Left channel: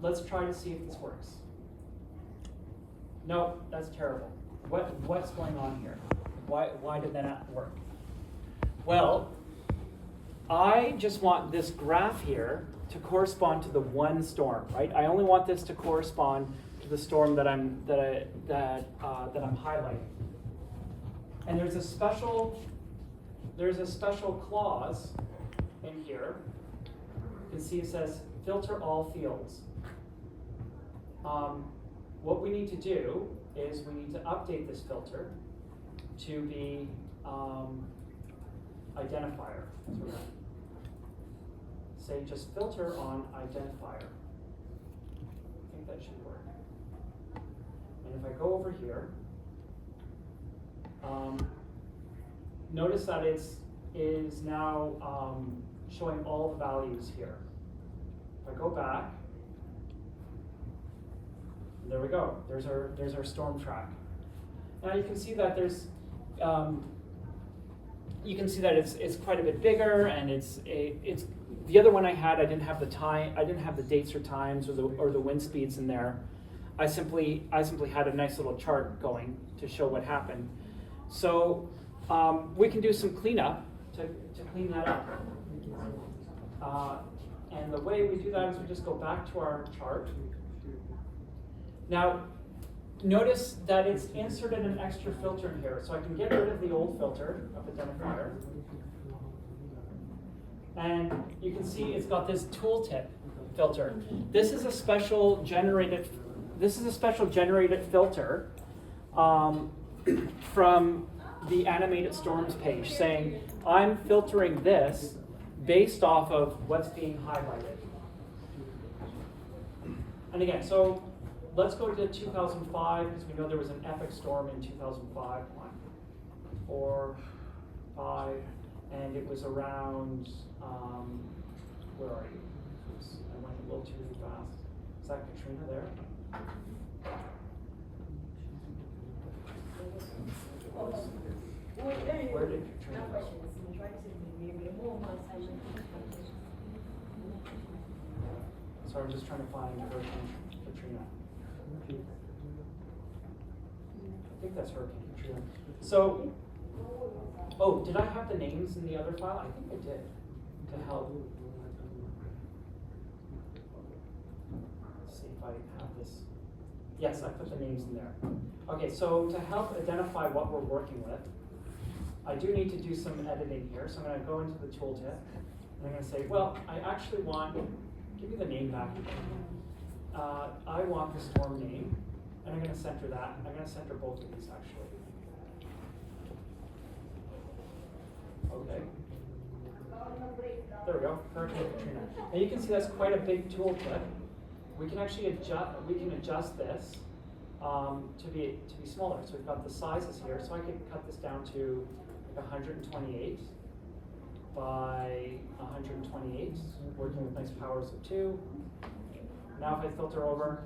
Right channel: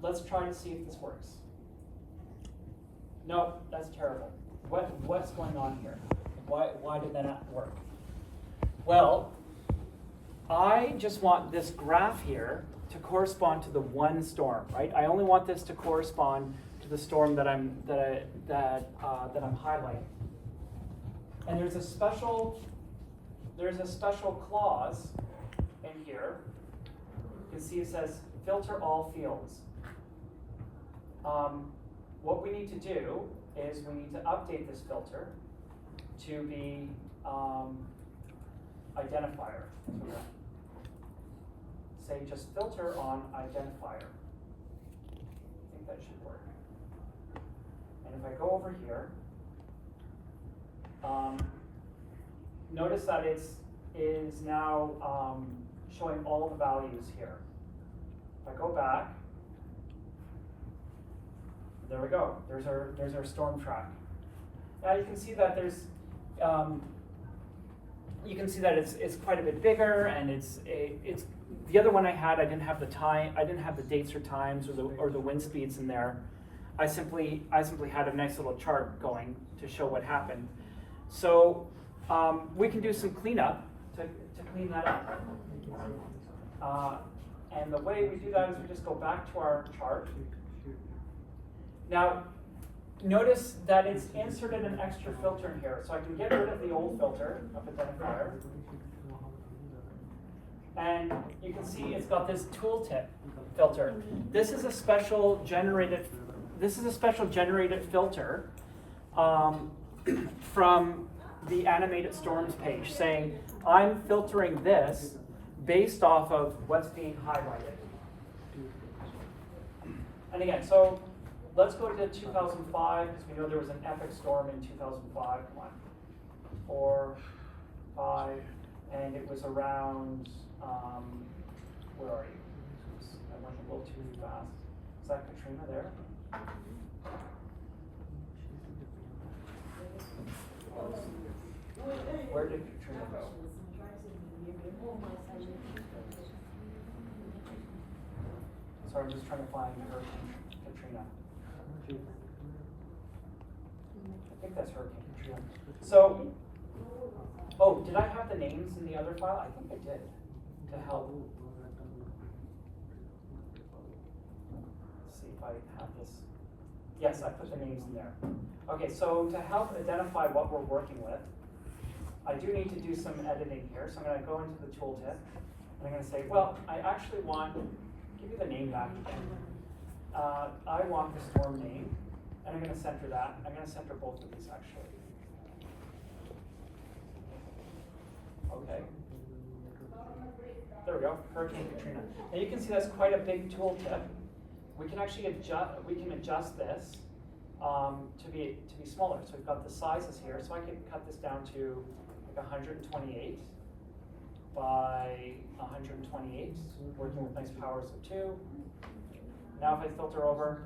let's try to see if this works. No, that's terrible. What's going on here? Why did that not work? Well, I just want this graph here to correspond to the one storm, right? I only want this to correspond to the storm that I'm highlighting. And there's a special clause in here. You can see it says filter all fields. What we need to do is we need to update this filter to be identifier. Say just filter on identifier. I think that should work. And if I go over here, notice that it is now showing all the values here. If I go back, there we go. There's our storm track. Now you can see that there's it's quite a bit bigger, and it's the other one I didn't have the time, I didn't have the dates or times or the wind speeds in there. I simply had a nice little chart going to show what happened. So we can do some cleanup to clean that up. And the way we do that is we just go back to our chart. Now, notice that it's inserted an extra filter in here, so I can get rid of the old filter of identifier. And you can see it's got this tooltip filter. This is a special generated filter from the animated storms page, saying I'm filtering this based off of what's being highlighted. And again, so let's go to 2005, because we know there was an epic storm in 2005. Come on. 4, 5, and it was around, where are you? I went a little too fast. Is that Katrina there? Where did Katrina go? Sorry, I'm just trying to find Hurricane Katrina. I think that's Hurricane Katrina. So, oh, did I have the names in the other file? I think I did, to help. Let's see if I have this. Yes, I put the names in there. Okay, so to help identify what we're working with, I do need to do some editing here. So I'm going to go into the tooltip, and I'm going to say, well, I actually want, give me the name back again. I want the storm name, and I'm going to center that. I'm going to center both of these actually. Okay. There we go, Hurricane Katrina. Now you can see that's quite a big tooltip. We can actually adjust this to be smaller. So we've got the sizes here. So I can cut this down to like 128 by 128, working with nice powers of 2. Now if I filter over,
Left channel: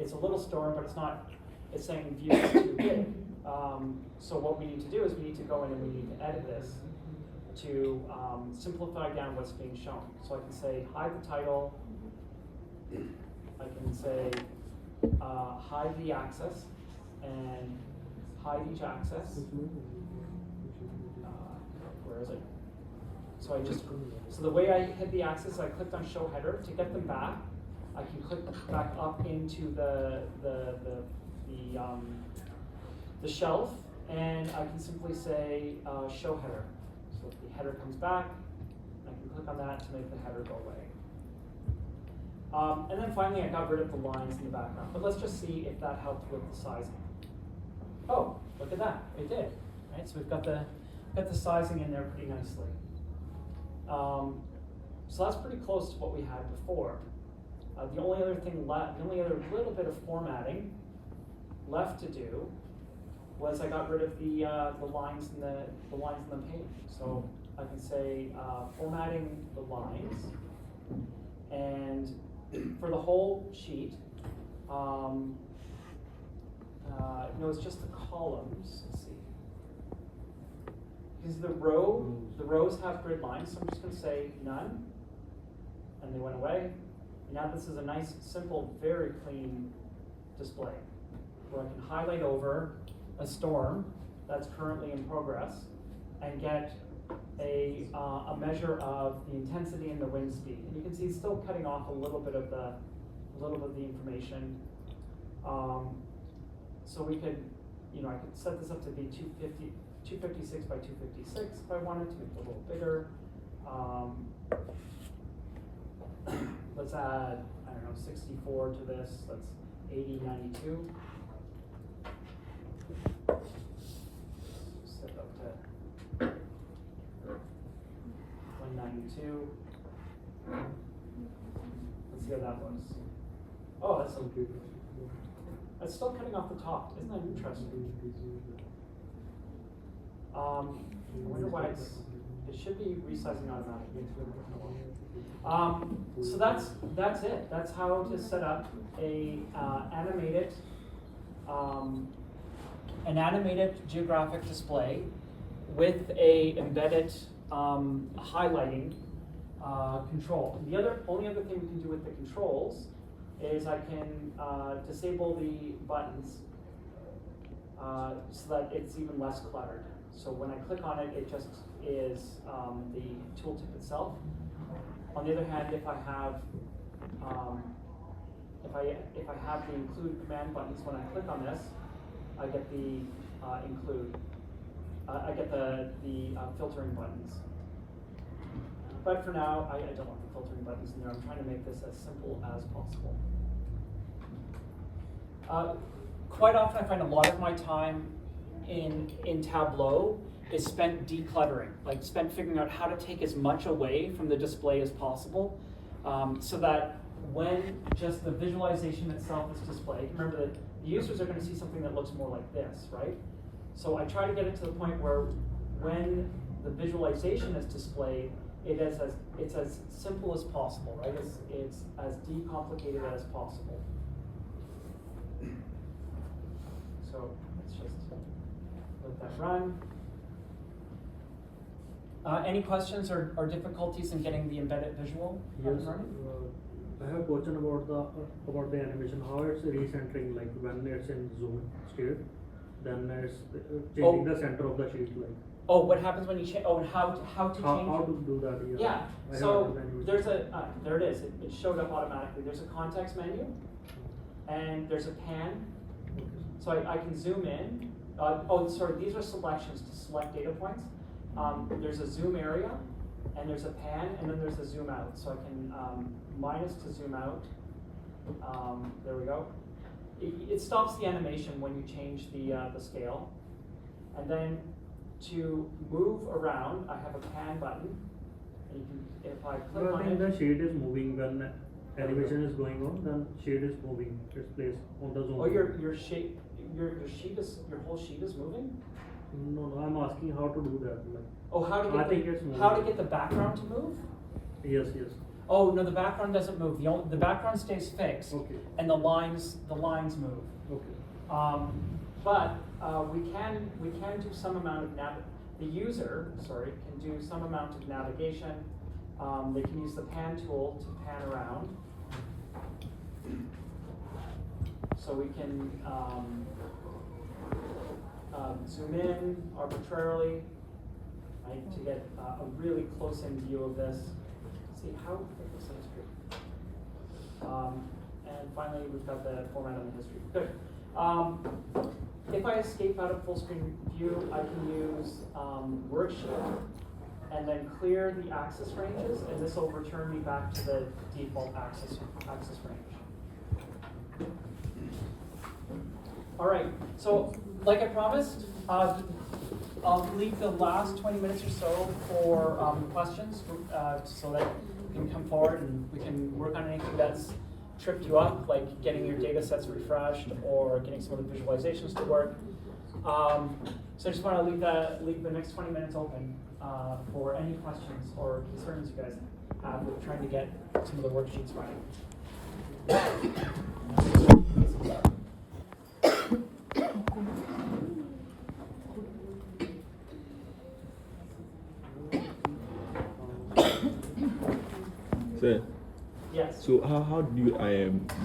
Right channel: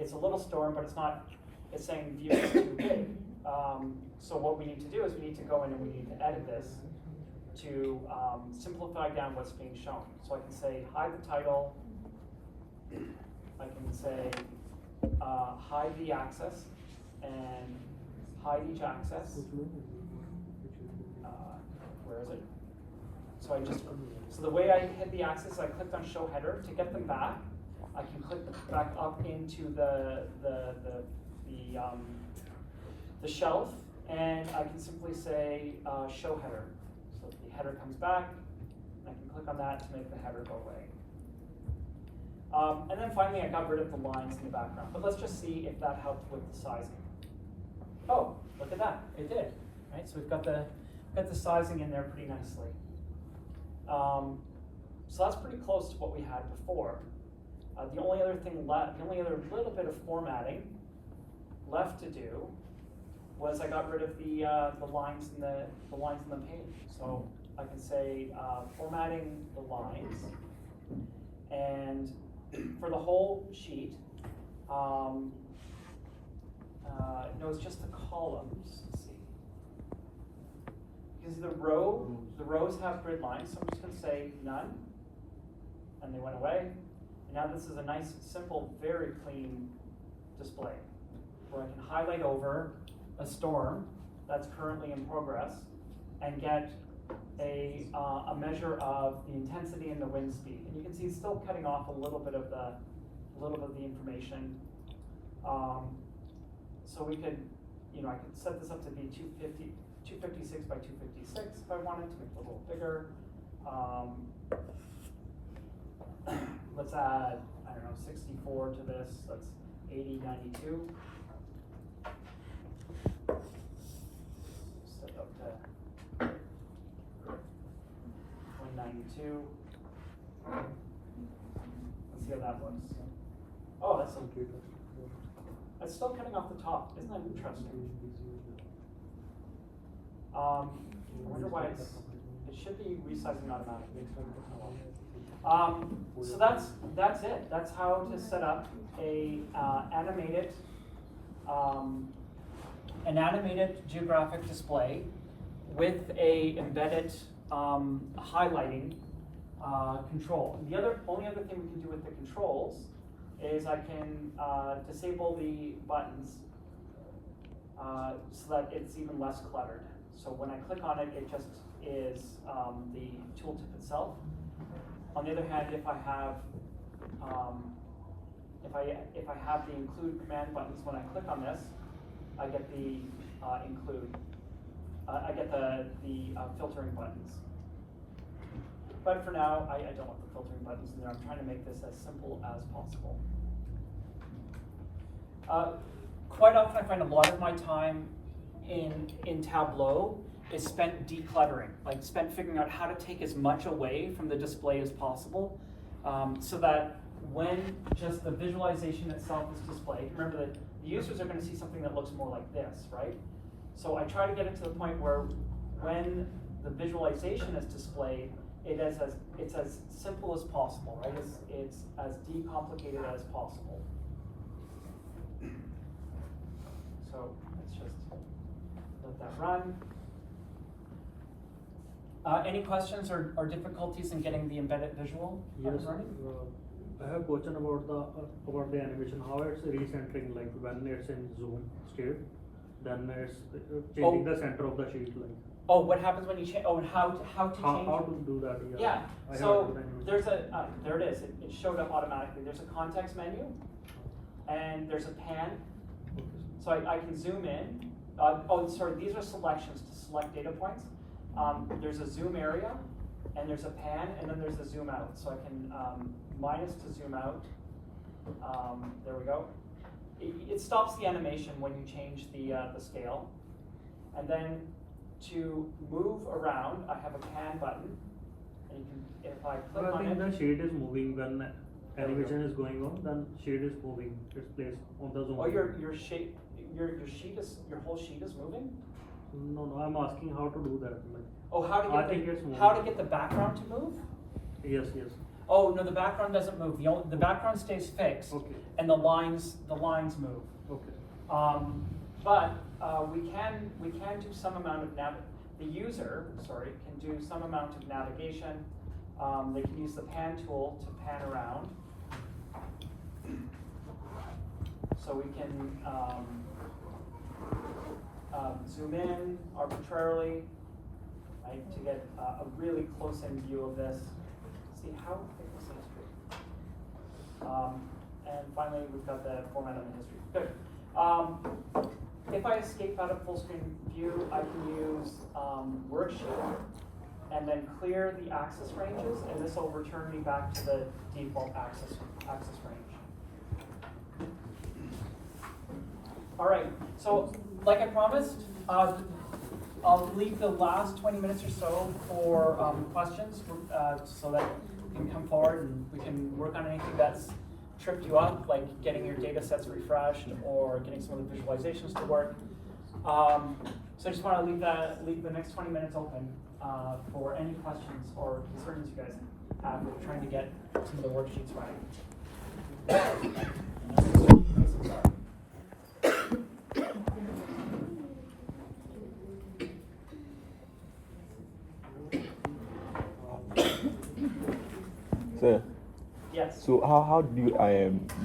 it's a little storm, but it's not. It's saying view is too big. So what we need to do is we need to go in and we need to edit this to simplify down what's being shown. So I can say hide the title. I can say hide the axis and hide each axis. Where is it? So the way I hit the axis, I clicked on show header. To get them back, I can click back up into the shelf, and I can simply say show header. So the header comes back, and I can click on that to make the header go away. And then finally, I got rid of the lines in the background. But let's just see if that helped with the sizing. Oh, look at that! It did. Right, so we've got the sizing in there pretty nicely. So that's pretty close to what we had before. The only other thing left, the only other little bit of formatting left to do was I got rid of the lines in the page. So I can say formatting the lines, and for the whole sheet, no, it's just the columns. Let's see, because the rows have grid lines, so I'm just going to say none, and they went away. Now this is a nice, simple, very clean display where I can highlight over a storm that's currently in progress and get a measure of the intensity and the wind speed. And you can see it's still cutting off a little bit of the information. So we could, I could set this up to be 256 by 256 if I wanted to make it a little bigger. Let's add, 64 to this. Let's 80, 92. Set up to 192. Let's see how that looks. Oh, that's so good. It's still cutting off the top. Isn't that interesting? I wonder why it should be resizing automatically. So that's it. That's how to set up an animated geographic display with a embedded highlighting control. And the only other thing we can do with the controls is I can disable the buttons so that it's even less cluttered. So when I click on it, it just is the tooltip itself. On the other hand, if I have the include command buttons, when I click on this, I get the filtering buttons. But for now, I don't want the filtering buttons in there. I'm trying to make this as simple as possible. Quite often, I find a lot of my time in Tableau is spent decluttering, spent figuring out how to take as much away from the display as possible, so that when just the visualization itself is displayed, remember that the users are going to see something that looks more like this, right? So I try to get it to the point where when the visualization is displayed, it's as simple as possible, right? It's as decomplicated as possible. So let's just let that run. Any questions or difficulties in getting the embedded visual? Yes. I have a question about the animation. How it's recentering, like when it's in zoom state, then it's changing the center of the sheet, like. Oh, what happens when you change? Oh, and how to change? How to do that? Yeah. So there's there it is. It showed up automatically. There's a context menu, and there's a pan. Okay. So I can zoom in. These are selections to select data points. There's a zoom area, and there's a pan, and then there's a zoom out. So I can minus to zoom out. There we go. It stops the animation when you change the scale. And then to move around, I have a pan button. And you can, if I click on it, the shade is moving when animation is going on. Then shade is moving. It's placed on the zoom. Oh, your whole sheet is moving? No, I'm asking how to do that. Like. Oh, how to get the background to move? Yes. Oh no, the background doesn't move. The background stays fixed. Okay. And the lines move. Okay. But we can do some amount of the user can do some amount of navigation. They can use the pan tool to pan around. So we can zoom in arbitrarily, right, to get a really close-in view of this. See how this is history. And finally, we've got the format of the history. Good. If I escape out of full screen view, I can use worksheet and then clear the axis ranges, and this will return me back to the default axis range. All right, so like I promised, I'll leave the last 20 minutes or so for questions, so that you can come forward and we can work on anything that's tripped you up, like getting your data sets refreshed or getting some of the visualizations to work. So I just want to leave the next 20 minutes open for any questions or concerns you guys have with trying to get some of the worksheets right. Sir, Yes. So how do you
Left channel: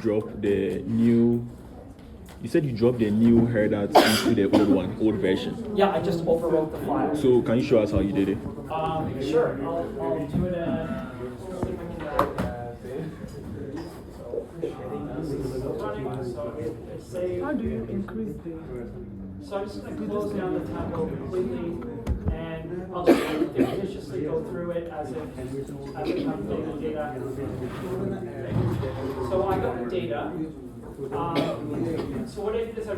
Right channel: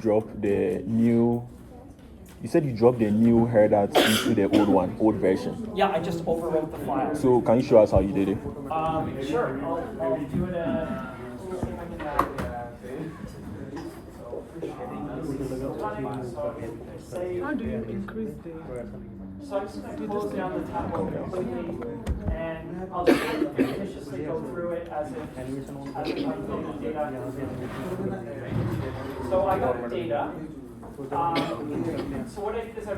drop the new? You said you dropped the new header into the old version. Yeah, I just overwrote the file. So can you show us how you did it? Sure. I'll do it. How do you increase the? So I'm just going to close down the tab completely, and I'll just viciously go through it as if I'm getting data. So I got the data. So what I did is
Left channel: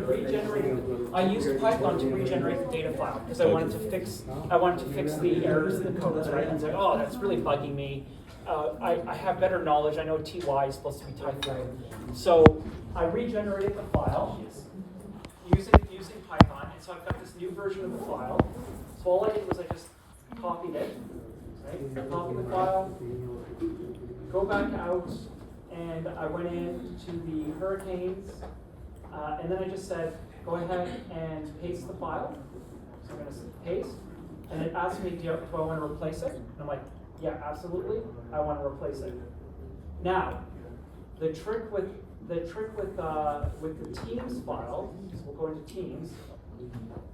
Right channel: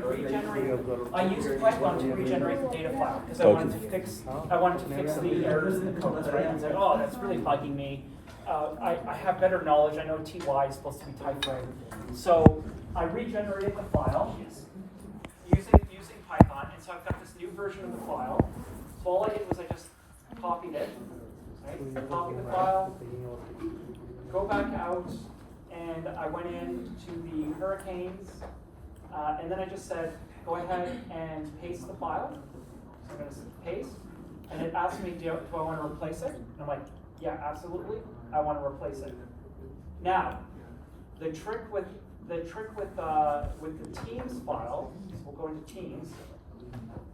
I used Python to regenerate the data file because I wanted to fix the errors in the code. Right? I was like, oh, that's really bugging me. I have better knowledge. I know TY is supposed to be typed right. So I regenerated the file using Python, and so I've got this new version of the file. So all I did was I just copied it, right? Copied the file, go back out, and I went into the hurricanes, and then I just said, go ahead and paste the file. So I'm going to say paste, and it asked me, do I want to replace it? And I'm like, yeah, absolutely, I want to replace it. Now, the trick with the Teams file, so we'll go into Teams,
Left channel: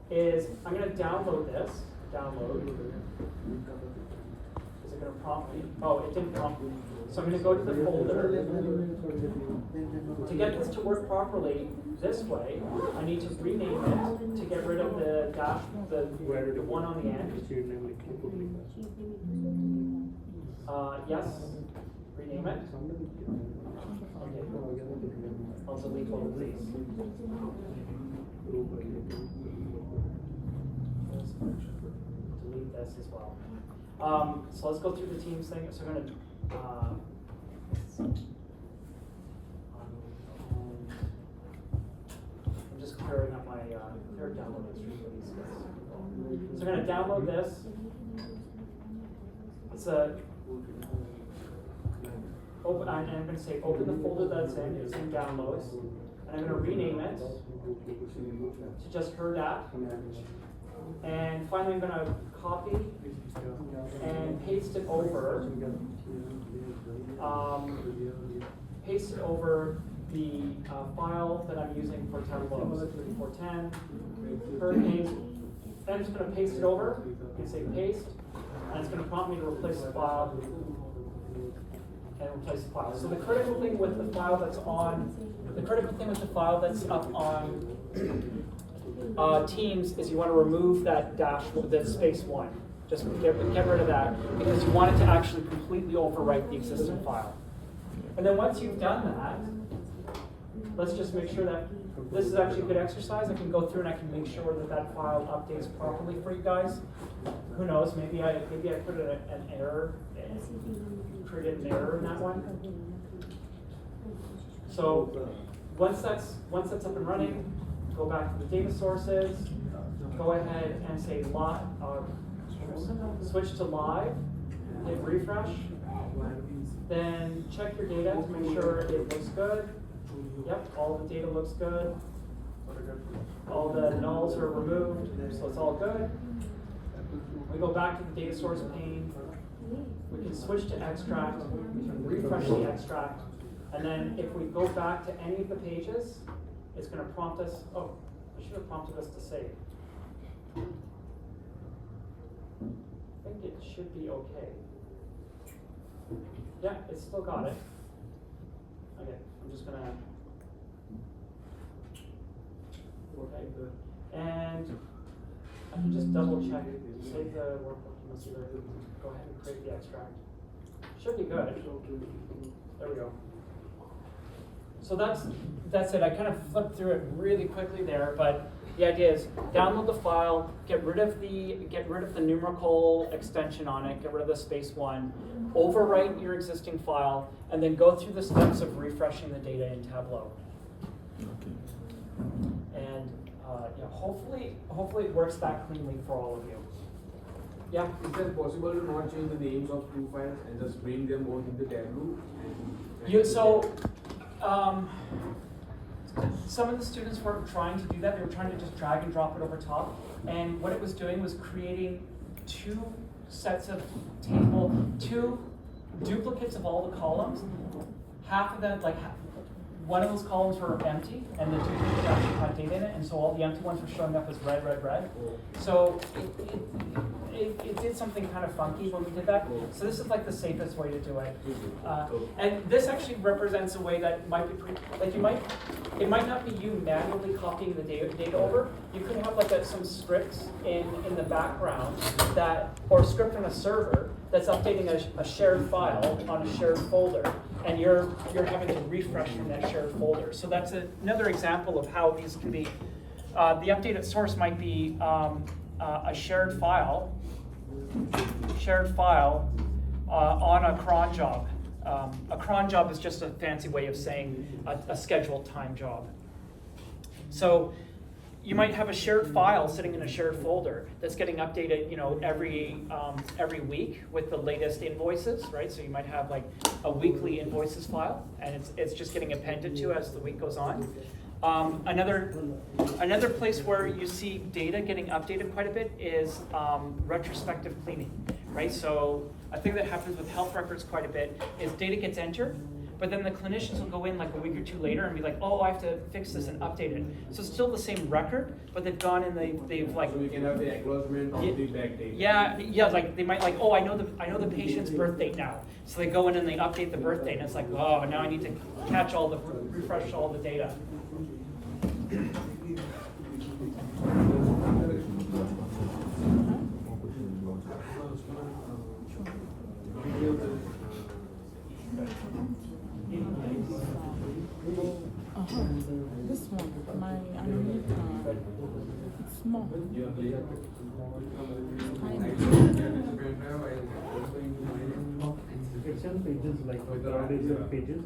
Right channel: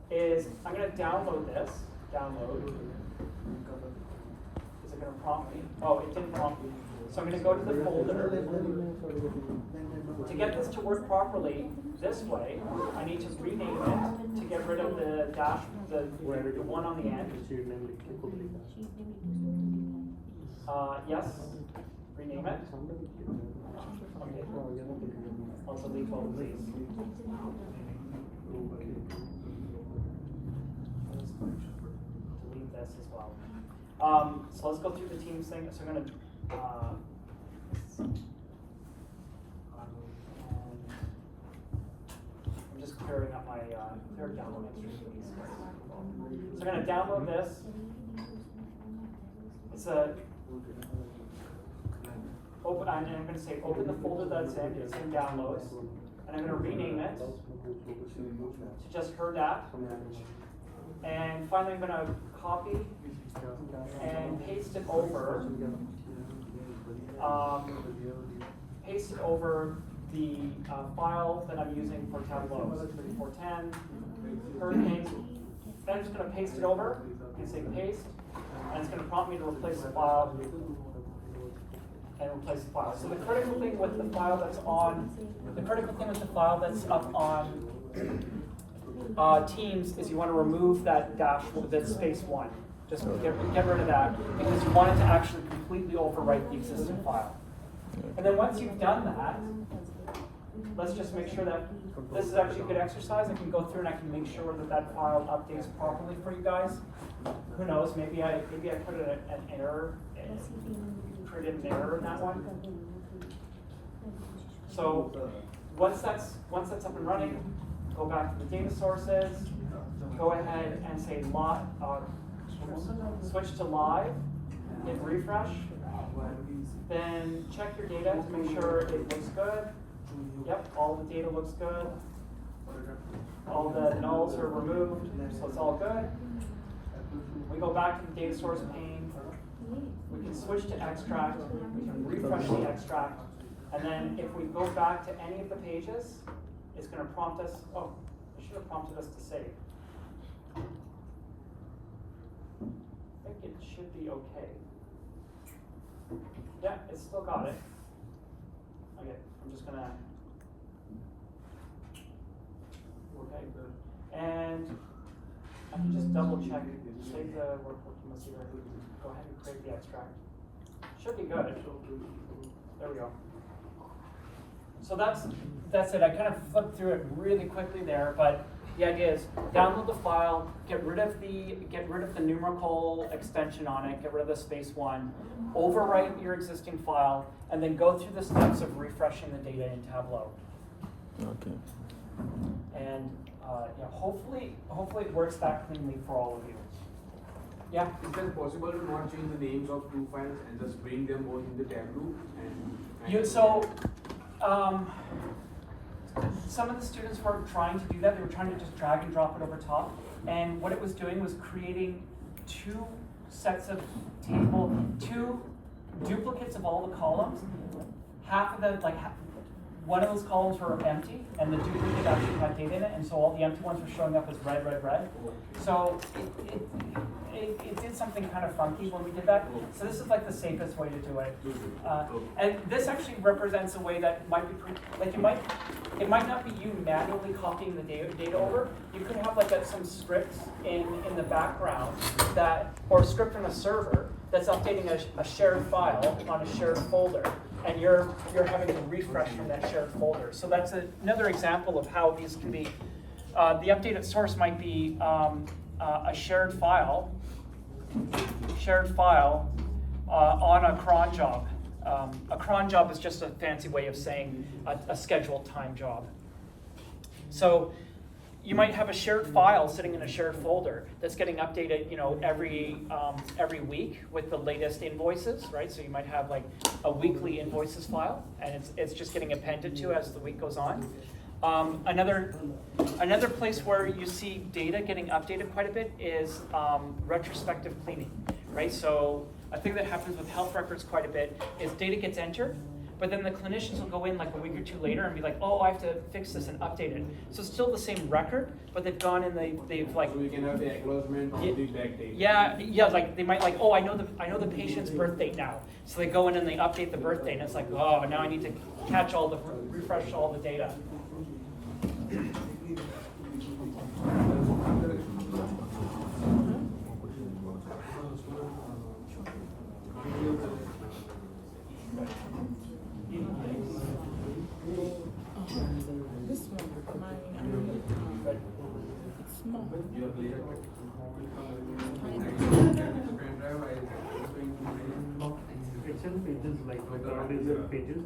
is I'm going to download this. Download. Is it going to prompt me? Oh, it didn't prompt me. So I'm going to go to the folder. To get this to work properly this way, I need to rename it to get rid of the dash, the one on the end. Yes. Rename it. Okay. I'll delete both of these. Delete this as well. So let's go through the Teams thing. So I'm going to I'm just clearing up my third download history for these guys. So I'm going to download this. It's a open. I'm going to say open the folder that it's in downloads, and I'm going to rename it to just HERDAP. And finally, I'm going to copy and paste it over. Paste it over the file that I'm using for Tableau 410 hurricanes. Then I'm just going to paste it over and say paste, and it's going to prompt me to replace the file and replace the file. So the critical thing with the file that's up on Teams is you want to remove that dash, that space 1. Just get rid of that because you want it to actually completely overwrite the existing file. And then once you've done that, let's just make sure that this is actually a good exercise. I can go through and I can make sure that that file updates properly for you guys. Who knows? Maybe I put an error, created an error in that one. So once that's up and running, go back to the data sources. Go ahead and say switch to live. Hit refresh. Then check your data to make sure it looks good. Yep, all the data looks good. All the nulls are removed, so it's all good. We go back to the data source pane. We can switch to extract. We can refresh the extract. And then if we go back to any of the pages, it's going to prompt us. Oh, it should have prompted us to save. I think it should be okay. Yeah, it's still got it. Okay, I'm just gonna. Okay, good. And I can just double check. Save the workbook. Go ahead and create the extract. Should be good. There we go. So that's it. I kind of flipped through it really quickly there, but the idea is download the file, get rid of the numerical extension on it, get rid of the space 1, overwrite your existing file, and then go through the steps of refreshing the data in Tableau. Okay. And yeah, hopefully it works that cleanly for all of you. Yeah. Is it possible to not change the names of two files and just bring them both in the Tableau? Some of the students were trying to do that. They were trying to just drag and drop it over top. And what it was doing was creating two duplicates of all the columns. half of the, one of those columns were empty, and the two groups actually had data in it, and so all the empty ones were showing up as red, red, red. So it did something kind of funky when we did that. So this is like the safest way to do it. And this actually represents a way that might be, it might not be you manually copying the data over. You could have some scripts in the background that, or a script on a server that's updating a shared file on a shared folder, and you're having to refresh from that shared folder. So that's another example of how these can be. The updated source might be a shared file on a cron job. A cron job is just a fancy way of saying a scheduled time job. So you might have a shared file sitting in a shared folder that's getting updated, every week with the latest invoices, right? So you might have like a weekly invoices file, and it's just getting appended to as the week goes on. Another place where you see data getting updated quite a bit is retrospective cleaning, right? So a thing that happens with health records quite a bit is data gets entered, but then the clinicians will go in like a week or two later and be like, oh, I have to fix this and update it. So it's still the same record, but they've gone and they've like. So we can have the acknowledgement of the back date. Yeah, like they might oh, I know the patient's birth date now. So they go in and they update the birth date, and it's like, oh, now I need to refresh all the data. This one, it's small. Excel pages like pages,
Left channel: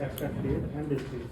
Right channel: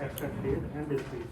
extract date and display.